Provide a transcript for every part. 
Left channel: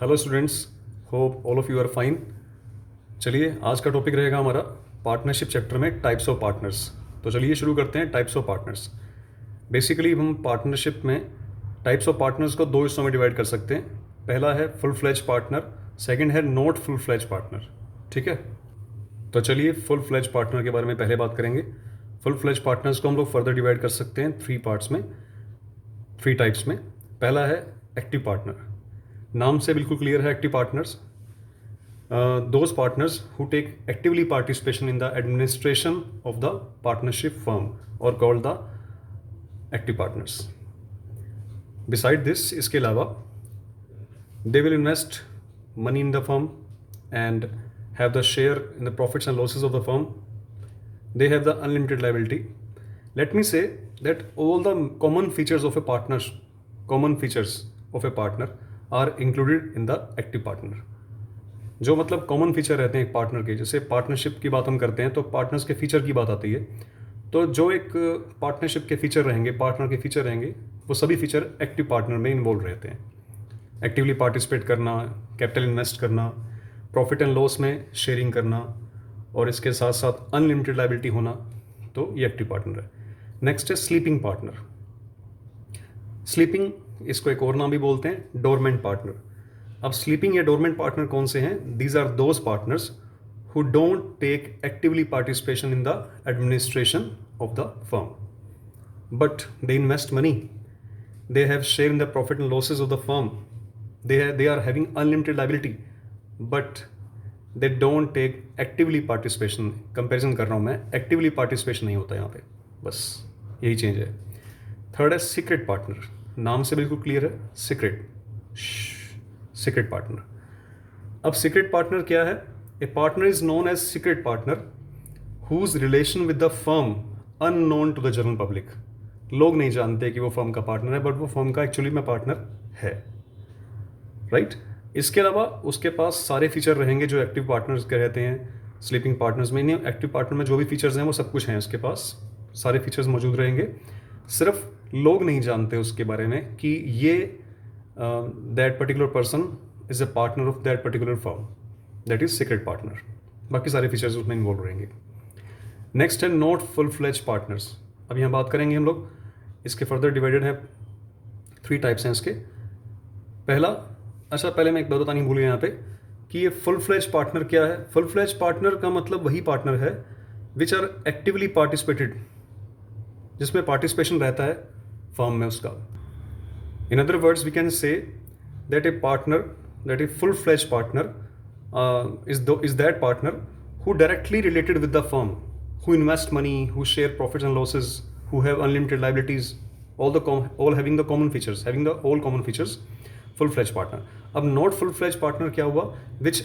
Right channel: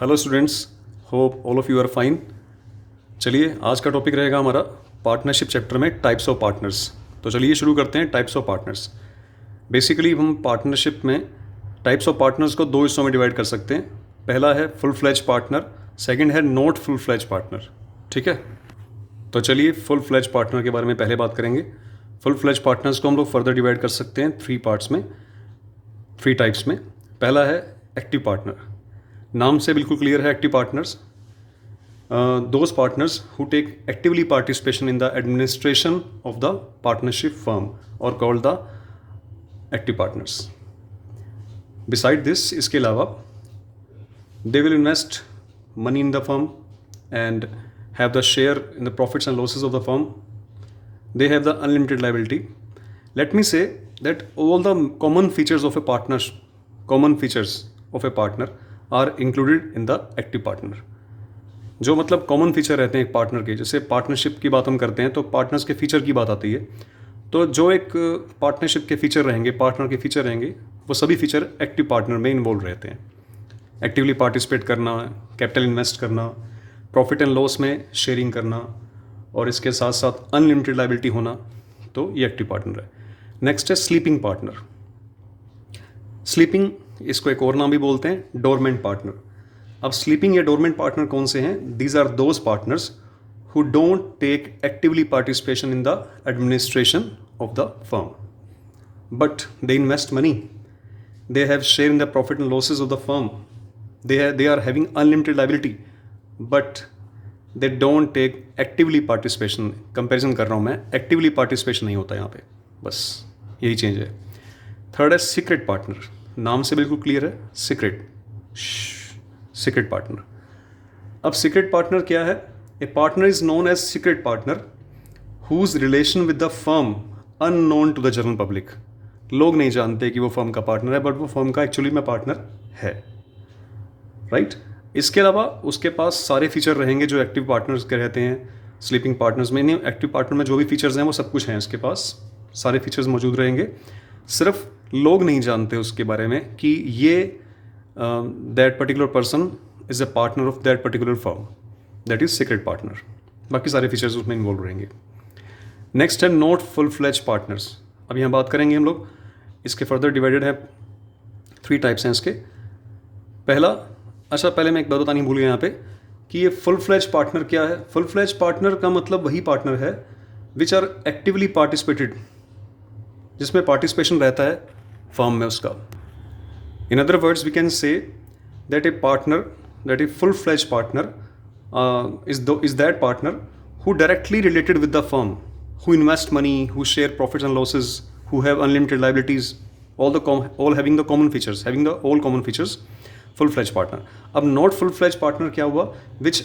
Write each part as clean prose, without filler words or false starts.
Hello students, hope all of you are fine. चलिए, आज का टॉपिक रहेगा हमारा पार्टनरशिप चैप्टर में टाइप्स ऑफ पार्टनर्स। तो चलिए शुरू करते हैं टाइप्स ऑफ पार्टनर्स। बेसिकली हम पार्टनरशिप में टाइप्स ऑफ पार्टनर्स को दो हिस्सों में डिवाइड कर सकते हैं। पहला है फुल फ्लैज पार्टनर, सेकंड है नॉट फुल फ्लैज पार्टनर। ठीक है, तो चलिए फुल फ्लैज पार्टनर के बारे में पहले बात करेंगे। फुल फ्लैज पार्टनर्स को हम लोग फर्दर डिवाइड कर सकते हैं थ्री पार्ट्स में, थ्री टाइप्स में। पहला है एक्टिव पार्टनर। नाम से बिल्कुल क्लियर है, active partners those partners who take actively participation in the administration of the partnership firm or called the active partners. Beside this, इसके अलावा they will invest money in the firm and have the share in the profits and losses of the firm. They have the unlimited liability. Let me say that all the common features of a partner are included in the active partner. जो मतलब common feature रहते हैं एक partner के, जैसे partnership की बात हम करते हैं तो पार्टनर्स के फीचर की बात आती है। तो जो एक पार्टनरशिप के फीचर रहेंगे, पार्टनर के फीचर रहेंगे, वो सभी फीचर एक्टिव पार्टनर में इन्वॉल्व रहते हैं। एक्टिवली पार्टिसिपेट करना, कैपिटल इन्वेस्ट करना, प्रॉफिट एंड लॉस में शेयरिंग करना, और इसके साथ साथ अनलिमिटेड लायबिलिटी होना, तो ये एक्टिव पार्टनर है। नेक्स्ट है स्लीपिंग पार्टनर। स्लीपिंग, इसको एक और नाम भी बोलते हैं डोरमेंट पार्टनर। अब स्लीपिंग या डोरमेंट पार्टनर कौन से हैं? These are those partners who don't take actively participation in the administration of the firm, but they invest money, they have share in the profit and losses of the firm, they are having unlimited liability, but they don't take actively participation. Comparison कर रहा हूँ मैं, actively participation नहीं होता यहाँ पे, बस यही चेंज है। थर्ड है सीक्रेट पार्टनर। नाम से बिल्कुल क्लियर है, सीक्रेट पार्टनर। अब सीक्रेट पार्टनर क्या है? A partner is known as secret partner whose relation with the firm unknown to the general public. लोग नहीं जानते कि वो फर्म का पार्टनर है, बट वो फर्म का एक्चुअली में पार्टनर है, राइट? इसके अलावा उसके पास सारे फीचर रहेंगे जो एक्टिव पार्टनर्स के रहते हैं स्लीपिंग पार्टनर्स में। नहीं, एक्टिव पार्टनर में जो भी फीचर्स हैं वो सब कुछ हैं, इसके पास सारे फीचर्स मौजूद रहेंगे। सिर्फ लोग नहीं जानते उसके बारे में कि ये that particular person is a partner of that particular firm, that is secret partner। बाकी सारे फीचर्स उसमें इन्वॉल्व रहेंगे। नेक्स्ट है नॉट फुल फ्लैज पार्टनर्स। अब यहाँ बात करेंगे हम लोग, इसके फर्दर डिवाइडेड है, थ्री टाइप्स हैं इसके। पहला, अच्छा पहले मैं एक बात बतानी भूल गया यहाँ पे कि ये फुल फ्लैज पार्टनर क्या है। फुल फ्लैज पार्टनर का मतलब वही पार्टनर है विच आर एक्टिवली पार्टिसिपेटेड, जिसमें पार्टिसिपेशन रहता है फर्म में उसका। In other words, we can say that a full-fledged partner is that partner who directly related with the firm, who invest money, who share profits and losses, who have unlimited liabilities, all having the common features, all common features, full-fledged partner. अब not full-fledged partner क्या हुआ? Which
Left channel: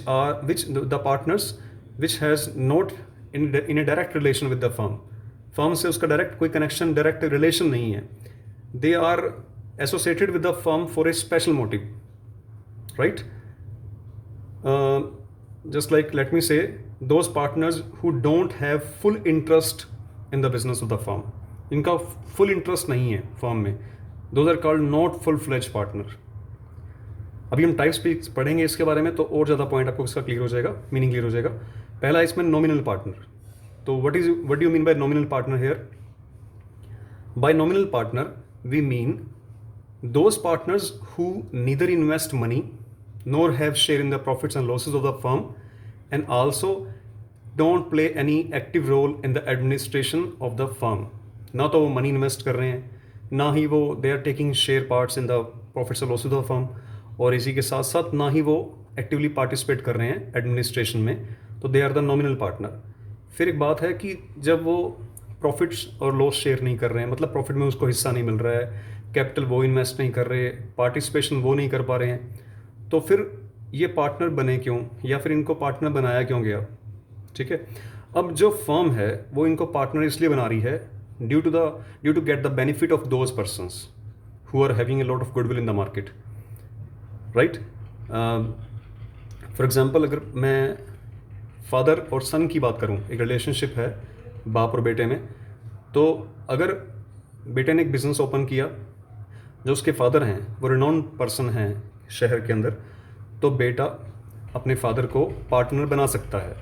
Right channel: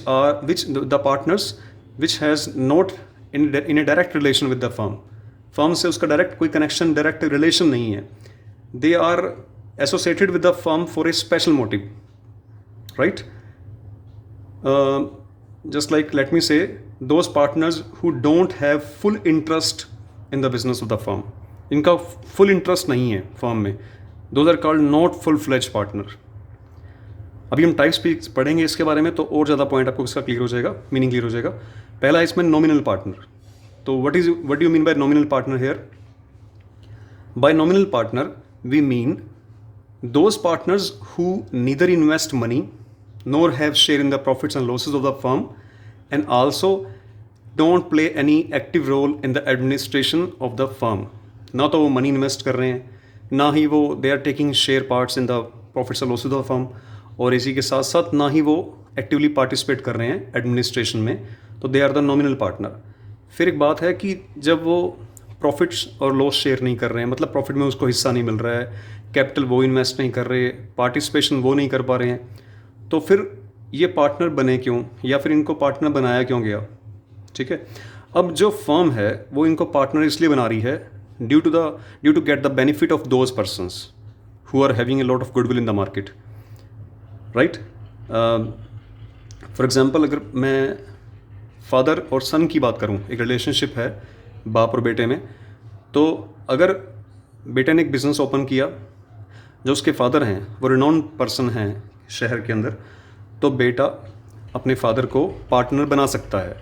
the partners which has not in a direct relation with the firm. Firm से उसका direct कोई connection, direct relation नहीं है. They are associated with the firm for a special motive, right? Just like, let me say, those partners who don't have full interest in the business of the firm, इनका full interest नहीं है firm में, those are called not full-fledged partner। अभी हम types भी पढ़ेंगे इसके बारे में, तो और ज़्यादा पॉइंट आपको इसका क्लियर हो जाएगा, मीनिंग क्लियर हो जाएगा। पहला इसमें नॉमिनल पार्टनर। तो what do you mean by nominal partner here? By nominal partner we mean those partners who neither invest money nor have share in the profits and losses of the firm, and also don't play any active role in the administration of the firm। ना तो वो money invest कर रहे हैं, ना ही वो they are taking share parts in the profits and losses of the firm, और इसी के साथ साथ ना ही वो एक्टिवली पार्टिसिपेट कर रहे हैं एडमिनिस्ट्रेशन में, तो they are the nominal partner. फिर एक बात है कि जब वो प्रॉफिट्स और लॉस शेयर नहीं कर रहे हैं, मतलब प्रॉफिट में उसको हिस्सा नहीं मिल रहा है, कैपिटल वो इन्वेस्ट नहीं कर रहे, पार्टिसिपेशन वो नहीं कर पा रहे हैं, तो फिर ये पार्टनर बने क्यों, या फिर इनको पार्टनर बनाया क्यों गया? ठीक है, अब जो फर्म है वो इनको पार्टनर इसलिए बना रही है due to get the benefit of those persons who are having a lot of goodwill in the market, right? For example, अगर मैं फादर और सन की बात करूँ, एक रिलेशनशिप है बाप और बेटे में, तो अगर बेटे ने एक बिज़नेस ओपन किया, जो उसके फादर हैं वो रिनोन पर्सन हैं शहर के अंदर, तो बेटा अपने फादर को पार्टनर बना सकता है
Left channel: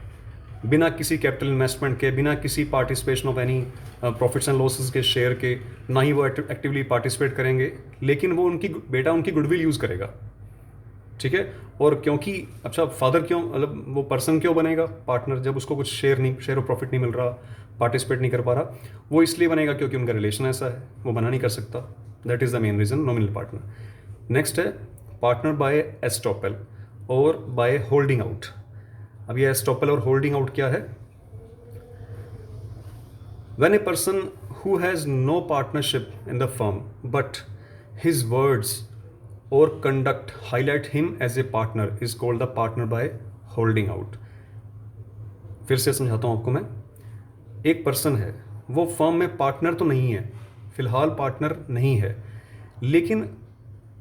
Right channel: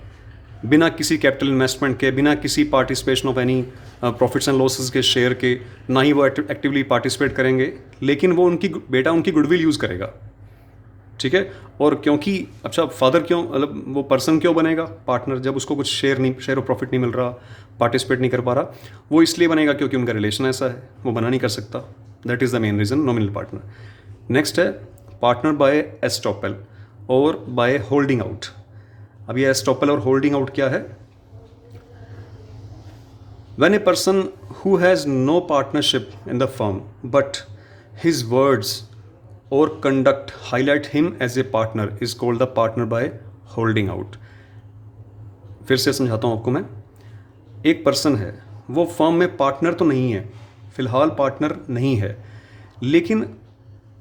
बिना किसी कैपिटल इन्वेस्टमेंट के, बिना किसी participation of any profits and losses के शेयर के, ना ही वो एक्टिवली पार्टिसिपेट करेंगे, लेकिन वो बेटा उनकी गुडविल यूज़ करेगा। ठीक है। और क्योंकि अच्छा फादर क्यों, मतलब वो पर्सन क्यों बनेगा पार्टनर, जब उसको कुछ शेयर और प्रॉफिट नहीं मिल रहा, पार्टिसिपेट नहीं कर पा रहा, वो इसलिए बनेगा क्योंकि उनका रिलेशन ऐसा है, वो बना नहीं कर सकता। That is the main reason, nominal partner. Next है पार्टनर बाय एस्टॉपल और बाय होल्डिंग आउट। अब ये एस्टॉपल और होल्डिंग आउट क्या है? When a person who has no partnership in the firm but his words or conduct highlight him as a partner is called the partner by holding out। फिर से समझाता हूँ आपको मैं। एक पर्सन है, वो फर्म में पार्टनर तो नहीं है, फिलहाल पार्टनर नहीं है, लेकिन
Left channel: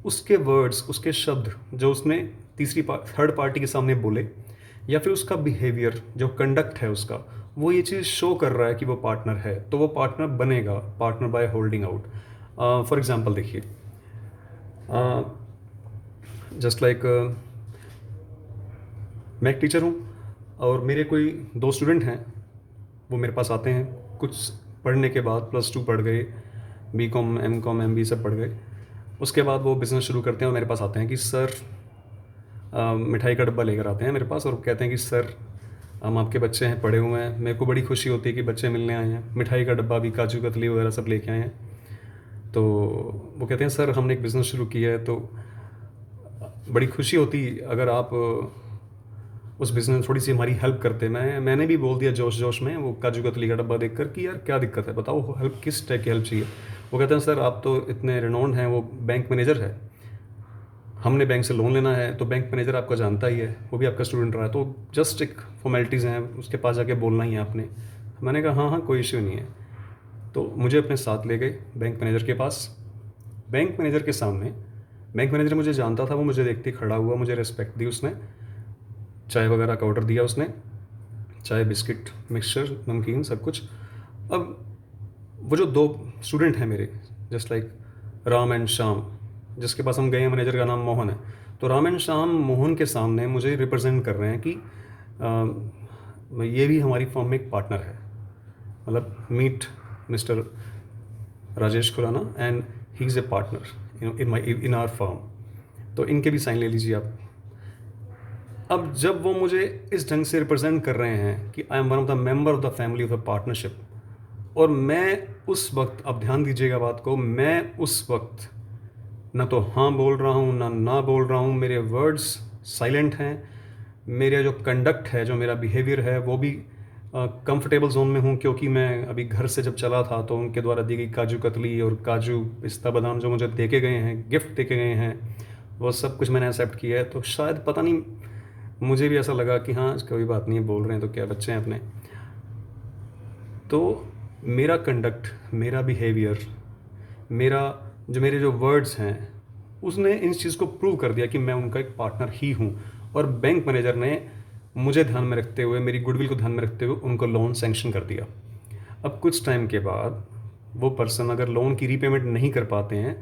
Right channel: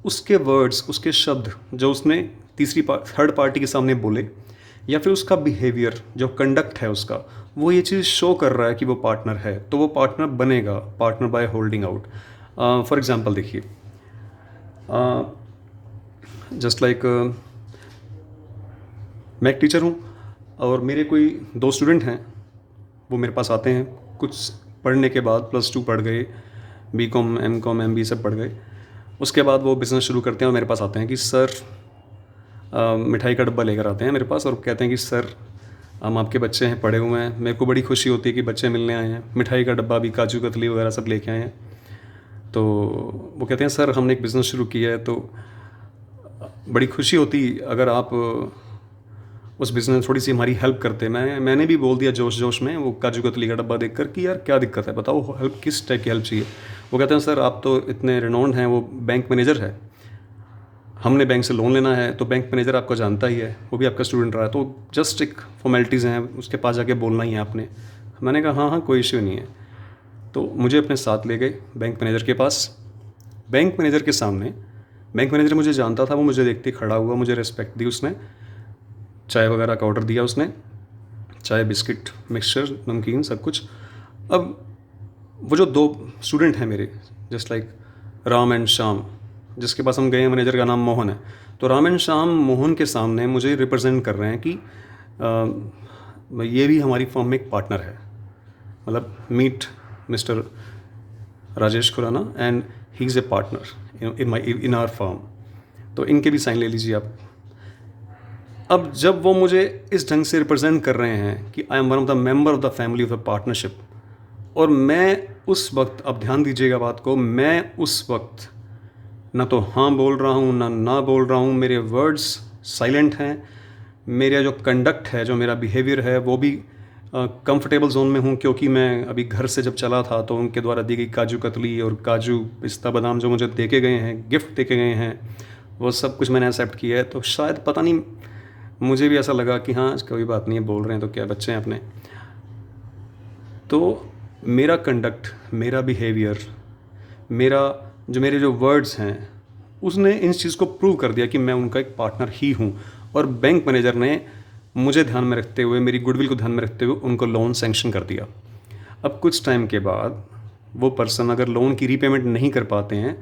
उसके वर्ड्स, उसके शब्द जो उसने थर्ड पार्टी के सामने बोले, या फिर उसका बिहेवियर, जो कंडक्ट है उसका, वो ये चीज़ शो कर रहा है कि वो पार्टनर है, तो वो पार्टनर बनेगा partner by holding out. For example देखिए, जस्ट लाइक मैं एक टीचर हूँ और मेरे कोई 2 स्टूडेंट हैं, वो मेरे पास आते हैं कुछ पढ़ने के बाद, +2 पढ़ गए, BCom MCom MBA सब पढ़ गए, उसके बाद वो बिज़नेस शुरू करते हैं और मेरे पास आते हैं कि सर मिठाई का डब्बा लेकर आते हैं मेरे पास और कहते हैं कि सर हम आपके बच्चे हैं, पढ़े हुए हैं, मेरे को बड़ी खुशी होती है कि बच्चे मिलने आए हैं, मिठाई का डब्बा भी, काजू कतली वगैरह सब लेके आए हैं। तो वो कहते हैं सर हमने एक बिज़नेस शुरू किया है, तो बड़ी खुशी होती अगर आप उस बिज़नेस में थोड़ी सी हमारी हेल्प करते। मैंने भी बोल दिया जोश जोश में वो काजू कतली का डब्बा देखकर कि यार क्या दिक्कत है, बताओ हेल्प, किस टाइप की हेल्प चाहिए। वो कहते हैं सर आप तो इतने रिनोन्ड हैं, वो बैंक मैनेजर है, हमने बैंक से लोन लेना है, तो बैंक मैनेजर आपको जानता ही है, वो भी आपका स्टूडेंट रहा है, तो जस्ट एक फॉर्मेलिटीज़ हैं, उसके पास जाके बोलना ही है आपने। मैंने कहा हाँ हाँ कोई इश्यू नहीं है। तो मुझे अपने साथ ले गए बैंक मैनेजर के पास। बैंक मैनेजर के सामने, बैंक मैनेजर मुझे जानता था, वो मुझे देखते खड़ा हुआ, मुझे रिस्पेक्ट दी उसने, चाय वगैरह का ऑर्डर दिया उसने, चाय बिस्किट मिक्सचर नमकीन सब कुछ। अब वो जो 2 स्टूडेंट हैं मेरे, just like Ram and Shyam, जिसके पास हम गए हैं, मैनेजर का नाम मोहन है, तो राम एंड श्याम मोहन के सामने मुझे रिप्रेजेंट कर रहे हैं कि ये भी हमारी फर्म में एक पार्टनर है, मतलब meet mister Rajesh Khurana and he is a partner in our firm, तो इनके भी साइन ले लीजिए आप। अब जब वो मुझे इस ढंग से रिप्रेजेंट कर रहे हैं कि I am one of the member of the family of the partnership, और मैं उस वक्त, अब ध्यान दीजिएगा बात को, मैं उस वक्त ना तो हाँ बोल रहा हूँ ना बोल रहा हूँ, मेरे वर्ड्स साइलेंट हैं, मेरा जो कंडक्ट है, जो मेरा बिहेवियर है, वो भी कंफर्टेबल जोन में हूँ, क्योंकि मैं अभी घर से जब चला था तो उनके द्वारा दी गई काजू कतली और काजू पिस्ता बादाम जो मुझे देके गए हैं, गिफ्ट देके गए हैं, वो सब कुछ मैंने एक्सेप्ट किया है। तो शायद पता नहीं, मुझे भी ऐसा लगा कि हाँ कोई बात नहीं है, बोल रहे हैं तो क्या, बच्चे हैं अपने। तो मेरा कंडक्ट, मेरा बिहेवियर, मेरे जो वर्ड्स हैं, उसने इन चीज़ को प्रूव कर दिया कि मैं उनका एक पार्टनर ही हूँ। और बैंक मैनेजर ने मुझे ध्यान में रखते हुए, मेरी गुडविल को ध्यान में रखते हुए उनको लोन सैंक्शन कर दिया। अब कुछ टाइम के बाद वो पर्सन अगर लोन की रीपेमेंट नहीं कर पाते हैं,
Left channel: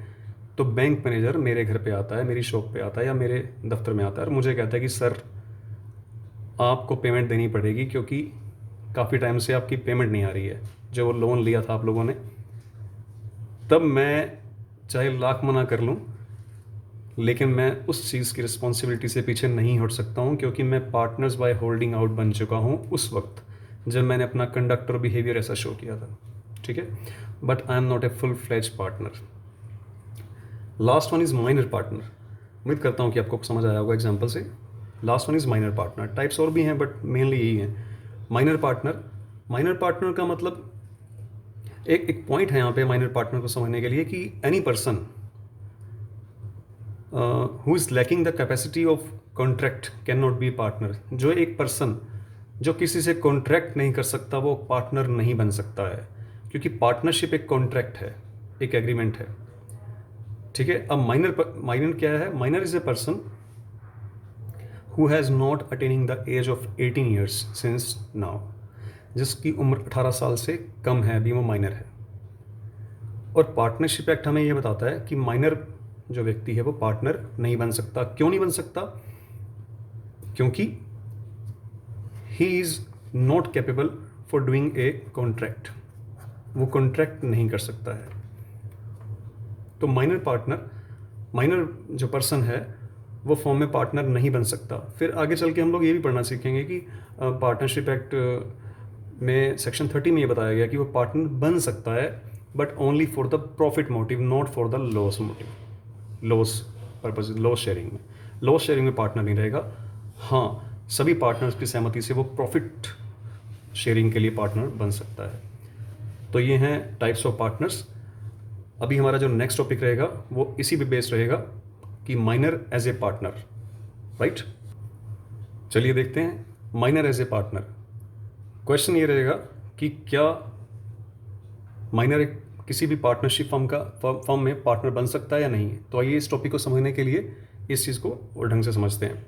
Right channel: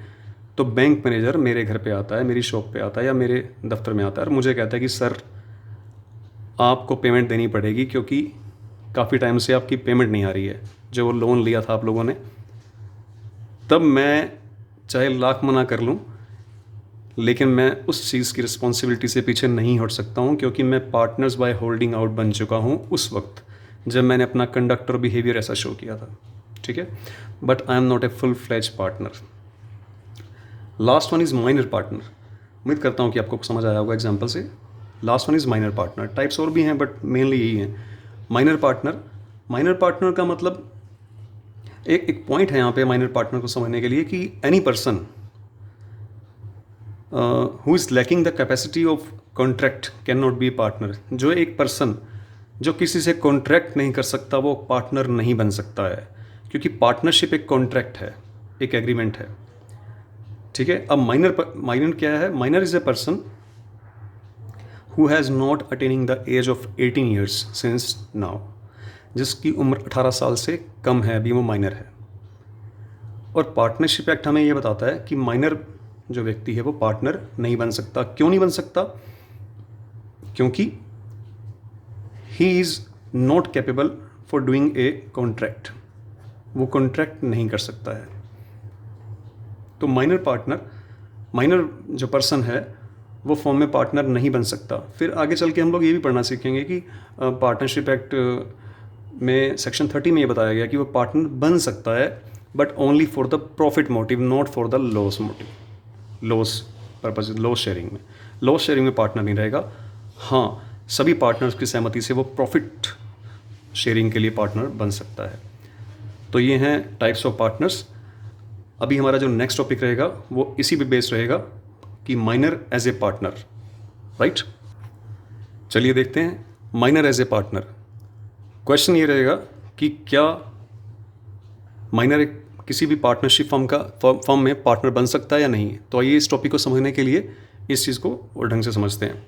तो बैंक मैनेजर मेरे घर पे आता है, मेरी शॉप पे आता है या मेरे दफ्तर में आता है और मुझे कहता है कि सर आपको पेमेंट देनी पड़ेगी, क्योंकि काफ़ी टाइम से आपकी पेमेंट नहीं आ रही है, जो वो लोन लिया था आप लोगों ने। तब मैं चाहे लाख मना कर लूँ, लेकिन मैं उस चीज़ की रिस्पॉन्सिबिलिटी से पीछे नहीं हट सकता हूँ, क्योंकि मैं पार्टनर्स बाय होल्डिंग आउट बन चुका हूँ उस वक्त जब मैंने अपना कंडक्ट और बिहेवियर ऐसा शो किया था। ठीक है, but I am not a full fledge partner. Last one is minor partner. उम्मीद करता हूँ कि आपको समझ आया होगा एग्जाम्पल से। Last one is minor partner. Types और भी हैं बट मेनली यही है। माइनर पार्टनर का मतलब, एक पॉइंट है यहाँ पे माइनर पार्टनर को समझने के लिए कि any person who is lacking the capacity of contract can not B partner. जो एक पर्सन जो किसी से कॉन्ट्रैक्ट नहीं कर सकता, वो पार्टनर नहीं बन सकता है, क्योंकि पार्टनरशिप एक कॉन्ट्रैक्ट है, एक एग्रीमेंट है। ठीक है। अब माइनर क्या है? Minor is a person who has not attaining the age of 18 years since now, जिसकी उम्र 18 साल से कम है, अभी वो माइनर है। और पार्टनरशिप एक्ट हमें ये बताता है कि माइनर जो व्यक्ति है वो पार्टनर नहीं बन सकता। क्यों नहीं बन सकता? क्योंकि he is not capable for doing a contract, वो कॉन्ट्रैक्ट नहीं कर सकता है। तो माइनर जो पर्सन है वो फर्म में पार्टनर नहीं बन सकता। फिर आगे चल के हम लोग ये भी पढ़ना सीखेंगे कि पार्टनरशिप एक्ट में सेक्शन 30 में ये बताया गया कि वो पार्टनर बन सकता है but only for the profit motive, not for the loss motive, loss purpose, loss sharing में पार्टनर नहीं रहेगा। हाँ, सभी पार्टनर्स की सहमति से वो प्रॉफिट शेयरिंग के लिए पार्टनर बन सकता है। तो ये हैं टाइप्स ऑफ पार्टनर्स। अभी हमारा जो नेक्स्ट टॉपिक रहेगा वो इसी पे बेस्ड रहेगा कि minor as a partner, right. चलिए देखते हैं minor as a partner. Question ये रहेगा कि क्या माइनर किसी भी पार्टनरशिप फर्म में पार्टनर बन सकता है या नहीं। तो आइए इस टॉपिक को समझने के लिए इस चीज़ को और ढंग से समझते हैं।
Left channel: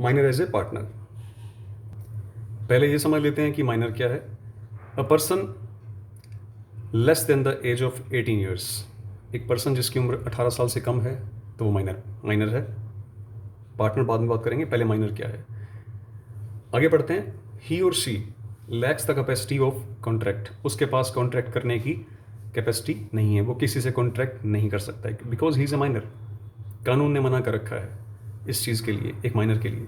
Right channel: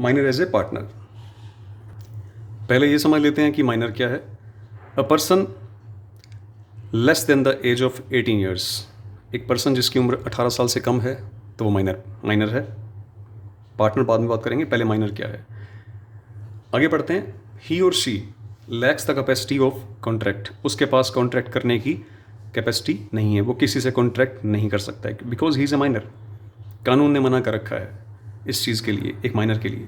माइनर एज ए पार्टनर, पहले ये समझ लेते हैं कि माइनर क्या है। A person less than the age of 18 years, एक पर्सन जिसकी उम्र 18 साल से कम है तो वो माइनर है। पार्टनर बाद में बात करेंगे, पहले माइनर क्या है। आगे बढ़ते हैं। ही और she lakhs the capacity of contract, उसके पास कॉन्ट्रैक्ट करने की कैपेसिटी नहीं है, वो किसी से कॉन्ट्रैक्ट नहीं कर सकता है because he is a minor. कानून ने मना कर रखा है इस चीज़ के लिए, एक माइनर के लिए।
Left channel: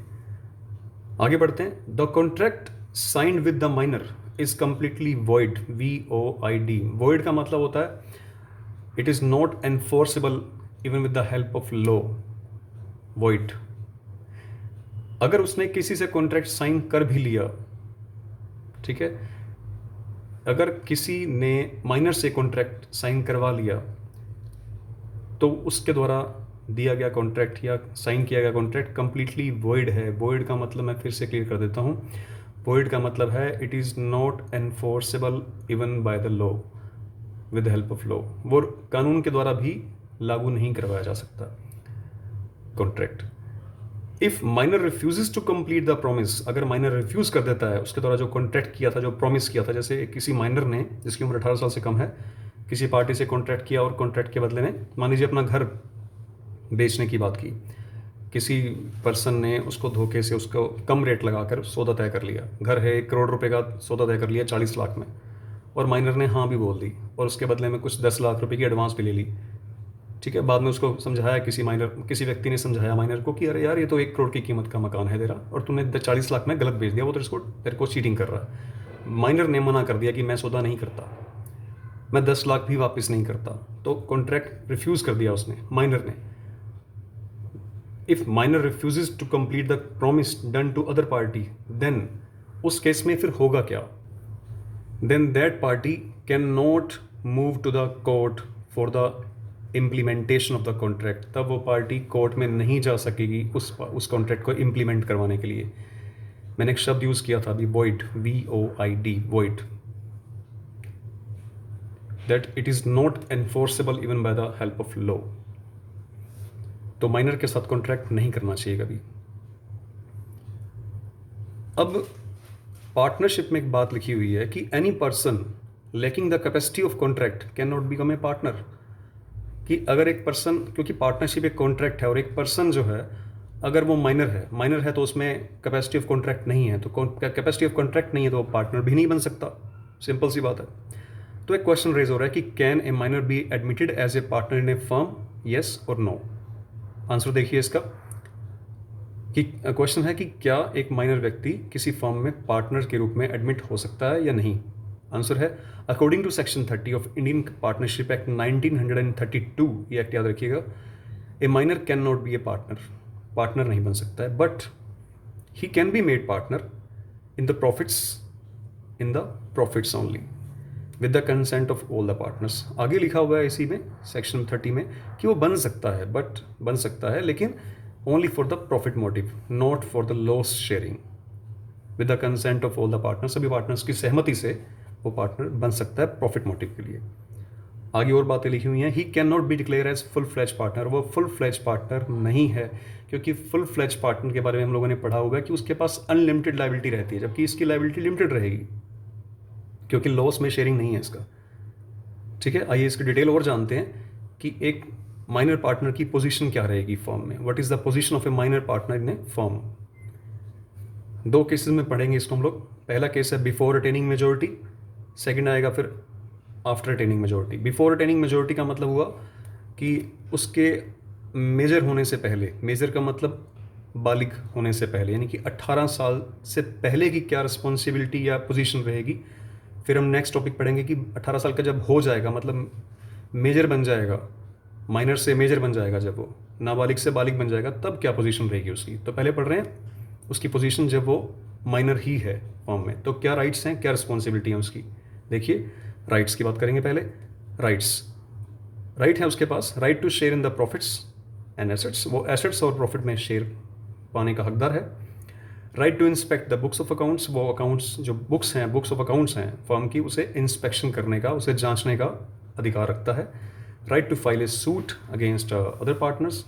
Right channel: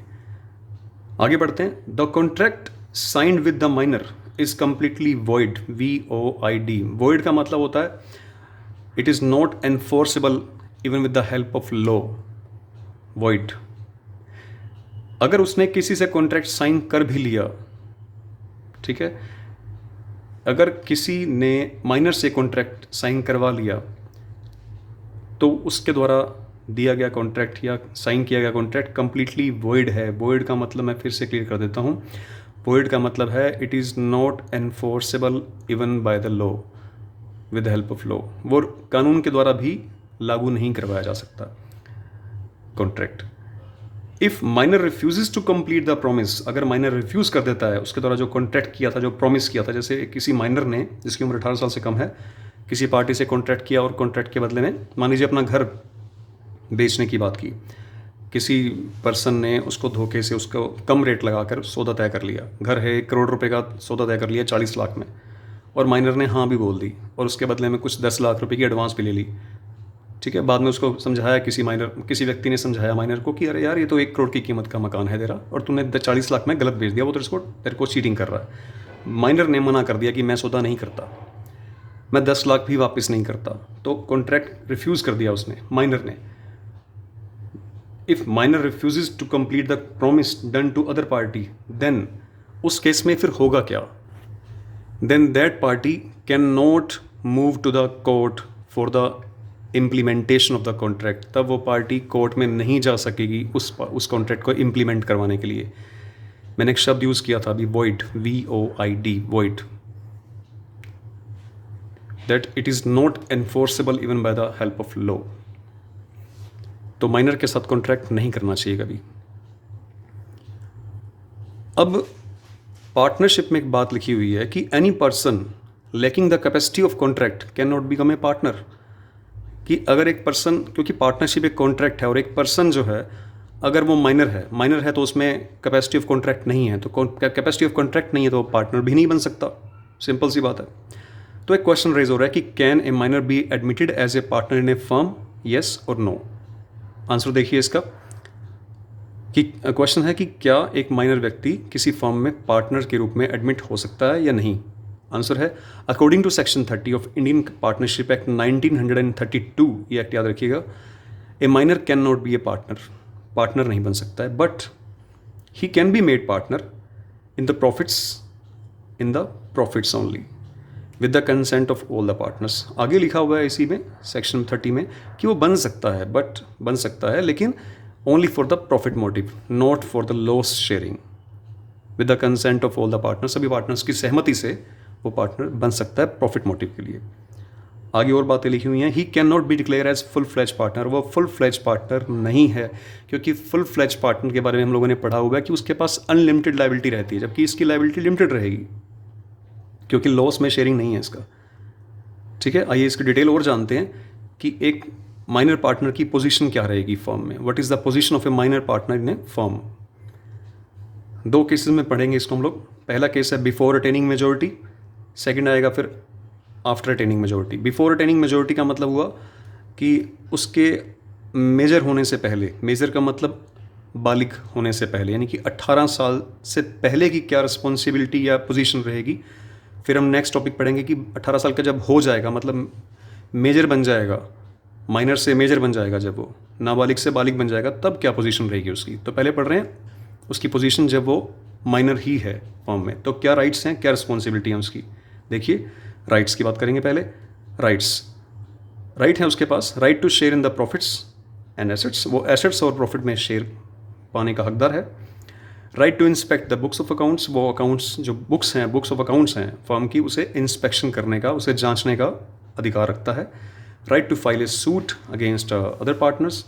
आगे बढ़ते हैं। The contract signed with the minor is completely void, VOID। Void का मतलब होता है it is not enforceable even with the help of law. Void, अगर उसने किसी से कॉन्ट्रैक्ट साइन कर भी लिया, ठीक है, अगर किसी ने माइनर से कॉन्ट्रैक्ट साइन करवा लिया तो उसके द्वारा दिया गया कॉन्ट्रैक्ट या साइन किया गया कॉन्ट्रैक्ट कंप्लीटली वॉइड है। वॉइड का मतलब मैं फिर से क्लियर कर देता हूँ। वॉइड का मतलब है it is not enforceable even by the law, with the help of law. वो कानून के द्वारा भी लागू नहीं करवाया जा सकता contract. If minor refuses to complete the promise, अगर माइनर रिफ्यूज़ कर देता है उसके द्वारा जो कॉन्ट्रैक्ट किया था, जो प्रॉमिस किया था, जैसे किसी माइनर ने जिसकी उम्र 18 साल से कम है किसी पार्टी से कॉन्ट्रैक्ट किया और कॉन्ट्रैक्ट के बदले में मान लीजिए अपना घर बेचने की बात की, किसी पर्सन ने उसको धोखे से उसको कम रेट लगाकर सौदा तय कर लिया, घर है 1 करोड़ रुपए का सौदा तय कर लिया 40 लाख में, और माइनर ने हाँ भी बोल दी और उसके बदले में कुछ 10 लाख रुपए की एडवांस भी ले ली, ठीक है। बाद में उसको समझाया, किसी व्यक्ति ने समझाया माइनर को कि अरे यार ये तो 1 करोड़ की कीमत का मकान है तेरा और तूने 40 लाख में गलत बेच दिया, वो तो तेरे को चीटिंग कर रहा है। माइनर ने मना कर दिया कि मैं सौदा नहीं करता, मैं 10 लाख भी वापस नहीं करता, तो कॉन्ट्रैक्ट रिफ्यूज़ कर दिया उसने, माइनर ने। If minor refuses to complete the promise done to other party, then उस केस में फिर होगा क्या, then that party can not move to the court for the implementation of the contract. तब वो पार्टी कोर्ट में नहीं जा सकेगी उस कॉन्ट्रैक्ट को इम्प्लीमेंट करवाने के लिए। मैंने एक शब्द यूज़ किया था अभी, void, VOID, void, that it is not enforceable even by the help of law. तो माइनर के साथ कॉन्ट्रैक्ट नहीं करना चाहिए कभी। अब पार्टनरशिप में एक बात लिखी हुई है कि any person lacking the capacity of contract can not become a partner, कि अगर एक पर्सन, क्योंकि पार्टनरशिप एक कॉन्ट्रैक्ट है और एक पर्सन जो है अगर वो माइनर है तो उसमें कैपेसिटी ऑफ कॉन्ट्रैक्ट नहीं है, तो कैपेसिटी ऑफ कॉन्ट्रैक्ट नहीं है तो वो पार्टनर भी नहीं बन सकता, सिंपल सी बात है। तो एक क्वेश्चन रेज हो रहा है कि can a minor be admitted as a partner in a firm, yes और नो। आंसर देखिए इसका, कि क्वेश्चन है कि क्या एक माइनर व्यक्ति किसी फर्म में पार्टनर के रूप में एडमिट हो सकता है या नहीं। आंसर है according to section 30 of Indian partnership act 1932, ये एक्ट याद रखिएगा, a minor can not be a partner नहीं बन सकता है, but he can be made partner in the profits only with the consent of all the partners. आगे लिखा हुआ है इसी में सेक्शन 30 में कि वो बन सकता है लेकिन only for the profit motive, not for the loss sharing, with the consent of all the partners. सभी पार्टनर्स की सहमति से वो पार्टनर बन सकता है प्रॉफिट मोटिव के लिए। आगे और बातें लिखी हुई हैं। He can not be declare as full fledge partner, वो फुल फ्लैज पार्टनर नहीं है, क्योंकि फुल फ्लैज पार्टनर के बारे में हम लोगों ने पढ़ा हुआ है कि उसके पास अनलिमिटेड लायबिलिटी रहती है, जबकि इसकी लायबिलिटी लिमिटेड रहेगी क्योंकि लॉस में शेयरिंग नहीं है इसका, ठीक है। आइए इसकी डिटेल और जानते हैं कि एक माइनर पार्टनर की पोजीशन क्या रहेगी फर्म में। What is the position of A minor partner in a firm. दो केसेस में पढ़ेंगे इसको हम लोग। पहला केस है बिफोर अटेनिंग मेजोरिटी, सेकंड आएगा फिर after attaining majority. Before attaining majority का मतलब हुआ कि उसके मेजर होने से पहले, मेजर का मतलब बालिग होने से पहले, यानी कि 18 साल से पहले की क्या रिस्पॉन्सिबिलिटी या पोजीशन रहेगी। फिर हम नेक्स्ट टॉपिक पढ़ेंगे कि 18 साल का जब हो जाएगा, मतलब मेजर बन जाएगा, माइनर से मेजर बन जाएगा, जब वो नाबालिग से बालिग बन जाएगा तब क्या पोजीशन रहेगी उसकी। तो पहले पढ़ रहे हैं उसकी पोजीशन जब वो माइनर ही है फॉर्म में, तो क्या राइट्स हैं, क्या रिस्पॉन्सिबिलिटी है उसकी। देखिए राइट्स की बात करेंगे पहले। राइट है उसके पास, right to share in the profits and assets, वो एसेट्स और प्रॉफिट में शेयर पाने का हकदार है। Right to inspect the books of accounts, वो अकाउंट्स जो बुक्स हैं, बुक्स ऑफ अकाउंट्स हैं फर्म की, उसे इंस्पेक्शन करने का, उसे जांचने का अधिकार रखता है। Right to file a suit against other partners,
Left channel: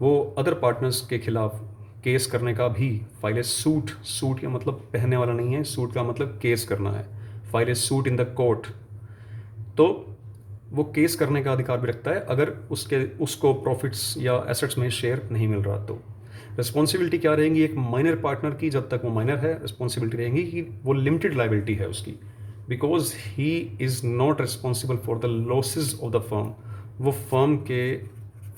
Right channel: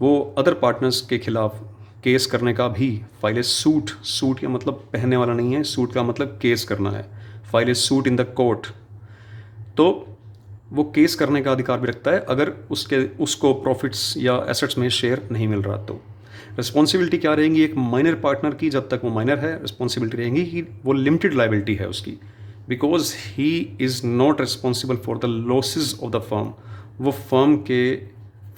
वो अदर पार्टनर्स के खिलाफ केस करने का भी, फाइल ए सूट, सूट का मतलब पहनने वाला नहीं है, सूट का मतलब केस करना है, file a suit in the court, तो वो केस करने का अधिकार भी रखता है अगर उसको प्रॉफिट्स या एसेट्स में शेयर नहीं मिल रहा। तो रिस्पॉन्सिबिलिटी क्या रहेंगी एक माइनर पार्टनर की, जब तक वो माइनर है रिस्पॉन्सिबिलिटी रहेंगी कि वो लिमिटेड लाइबिलिटी है उसकी, because he is not responsible for the losses of the firm, वो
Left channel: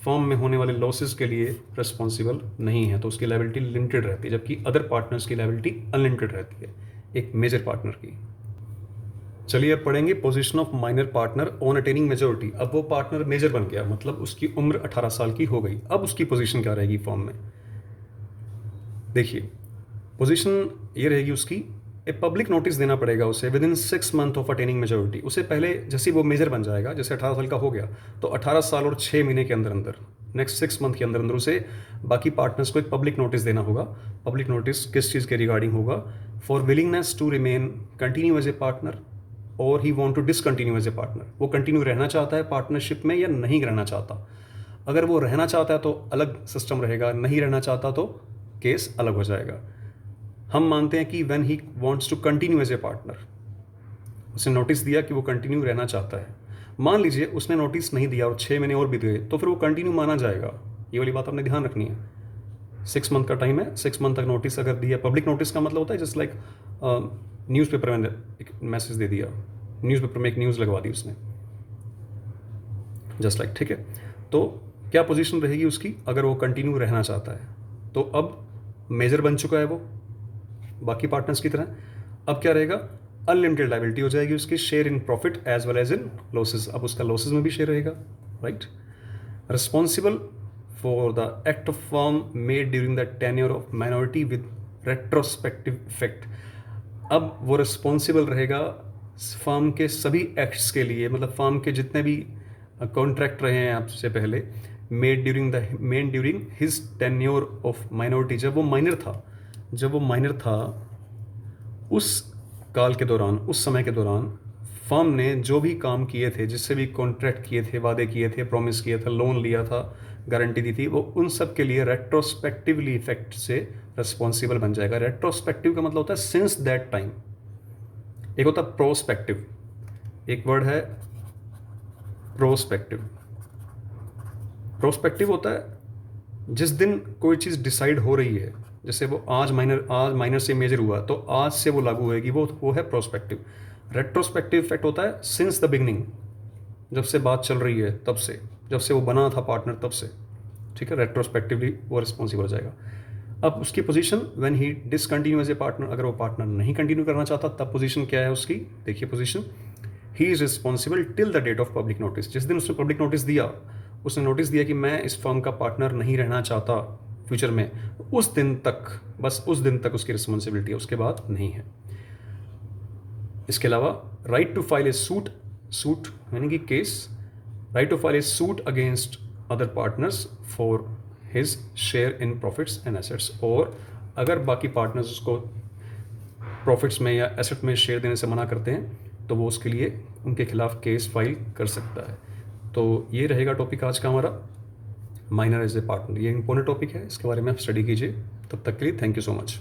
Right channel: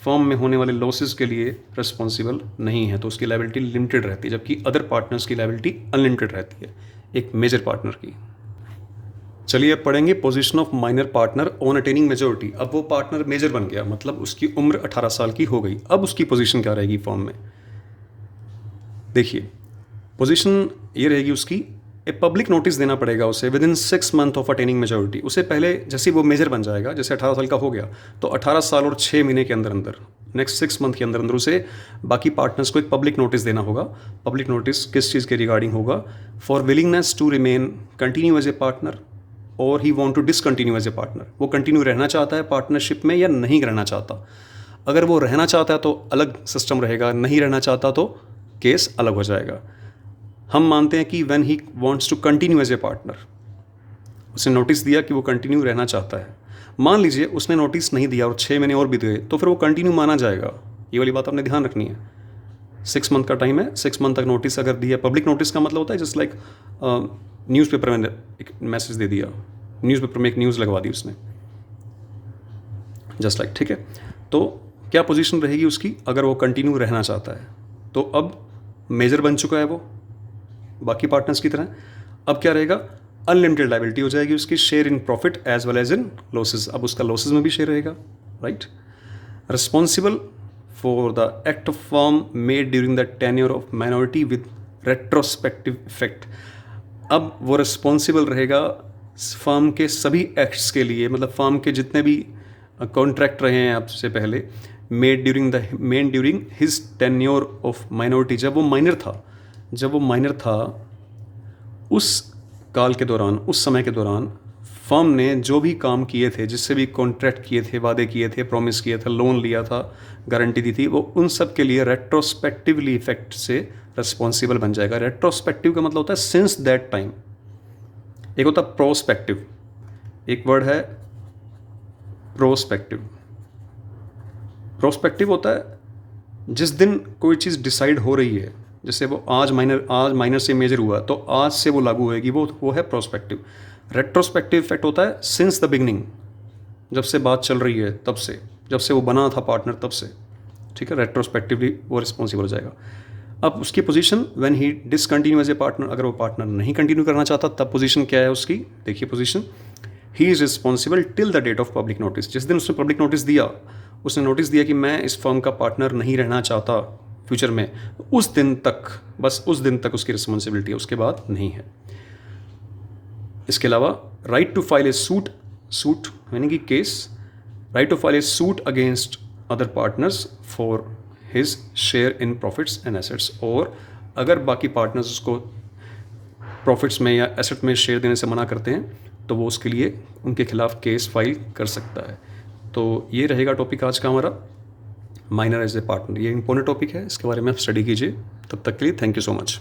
फर्म में होने वाले लॉसेज के लिए रिस्पॉन्सिबल नहीं है, तो उसकी लाइबिलिटी लिमिटेड रहती है, जबकि अदर पार्टनर्स की लाइबिलिटी अनलिमिटेड रहती है एक मेजर पार्टनर की। चलिए अब पढ़ेंगे position of minor partner on attaining majority. अब वो पार्टनर मेजर बन गया, मतलब उसकी उम्र 18 साल की हो गई, अब उसकी पोजीशन क्या रहेगी फर्म में। देखिए पोजीशन ये रहेगी उसकी, ए पब्लिक नोटिस देना पड़ेगा उसे with in 6 month of attaining majority. उसे पहले जैसे वो मेजर बन जाएगा, जैसे 18 साल का हो गया, तो 18 साल और 6 महीने के अंदर अंदर, नेक्स्ट 6 मंथ के अंदर अंदर उसे बाकी पार्टनर्स को एक पब्लिक नोटिस देना होगा। पब्लिक नोटिस किस चीज़ के रिगार्डिंग होगा, for willingness to remain continue as a partner और he want to discontinue as a partner, वो कंटिन्यू रहना चाहता है पार्टनरशिप में या नहीं रहना चाहता। अगर वो रहना चाहता है तो अलग सिस्टम रहेगा, नहीं रहना चाहता तो केस अलग हो जाएगा। हम मानते हैं कि when he wants to continue as a partner, उसने नोटिस दिया कि वो कंटिन्यू रहना चाहता है। मान लीजिए उसने नोटिस नहीं दिया और 6 महीने और बीत गए, तो फिर वो कंटिन्यू माना जाएगा। ये वाली बात आपने ध्यान रखनी है। 6 मंथ का टाइम है, 6 मंथ तक नोटिस अगर दिया, पब्लिक नोटिस का मतलब होता है जस्ट लाइक न्यूज़पेपर में एक मैसेज दे दिया, न्यूज़पेपर में एक न्यूज़ लगवा दी उसने, जस्ट लाइक, ठीक है। तो क्या पोजीशन रहेगी उसकी अगर वो कंटिन्यू रहना चाहता है, तो अब मेजर बन चुका है वो बाकी पार्टनर्स की तरह। अब क्या रहेगा, अनलिमिटेड लाइबिलिटी हो जाएगी उसकी, share in profit as well as in losses, अब उसका लॉसेज में भी शेयर रहेगा, right. Responsible for the act of firm made during the tenure of minority with retrospective effect, अब वो रिस्पॉन्सिबल रहेगा फर्म के सभी एक्ट्स के लिए, मतलब फर्म के जितने भी कॉन्ट्रैक्ट रहे हैं आपसे पहले, made during his tenure of minority, जब वो माइनर था उस काल के दौरान, उस समय के दौरान फर्म ने जो भी काम किए थे, जिससे भी कॉन्ट्रैक्ट किए थे, वादे किए थे, प्रॉमिस किया था, लोन लिया था, गारंटी दी थी, वो उन सब के लिए रेट्रोस्पेक्टिवली इफेक्ट से रिस्पॉन्सिबल बन जाएगा। रेट्रोस्पेक्टिव का मतलब होता है सिंस दैट टाइम, एक होता है प्रोस्पेक्टिव, एक वर्ड है प्रोस्पेक्टिव। प्रोस्पेक्टिव होता है जिस दिन कोई चीज़ डिसाइड हो रही है, जैसे वो आज माइनर से मेजर हुआ तो आज से वो लागू होएगी, वो है प्रोस्पेक्टिव। रेट्रोस्पेक्टिव इफेक्ट होता है सिंस द बिगनिंग, जब से बात चल रही है तब से, जब से वो बना था पार्टनर तब से, ठीक है। रेट्रोस्पेक्टिवली वो रिस्पॉन्सिबल हो जाएगा। अब उसकी position when he discontinue as a partner, अगर वो पार्टनर नहीं कंटिन्यू करना चाहता तब पोजीशन क्या है उसकी, देखिए position, he is responsible till the date of public notice, जिस दिन उसने पब्लिक नोटिस दिया, उसने नोटिस दिया कि मैं इस फर्म का पार्टनर नहीं रहना चाहता फ्यूचर में, उस दिन तक, बस उस दिन तक उसकी रिस्पॉन्सिबिलिटी है, उसके बाद नहीं है। इसके अलावा right to file a suit यानी कि case, right to file a suit against other partners for his share in profits and assets, और अगर बाकी पार्टनर्स उसको प्रॉफिट्स में या एसेट में शेयर देने से मना करते हैं तो वो उसके लिए उनके खिलाफ केस फाइल कर सकता है। तो ये रहेगा टॉपिक आज का हमारा, माइनर एज ए पार्टनर। ये इंपॉर्टेंट टॉपिक है, इसके बारे में आप स्टडी कीजिए। तब तक के लिए थैंक यू सो मच।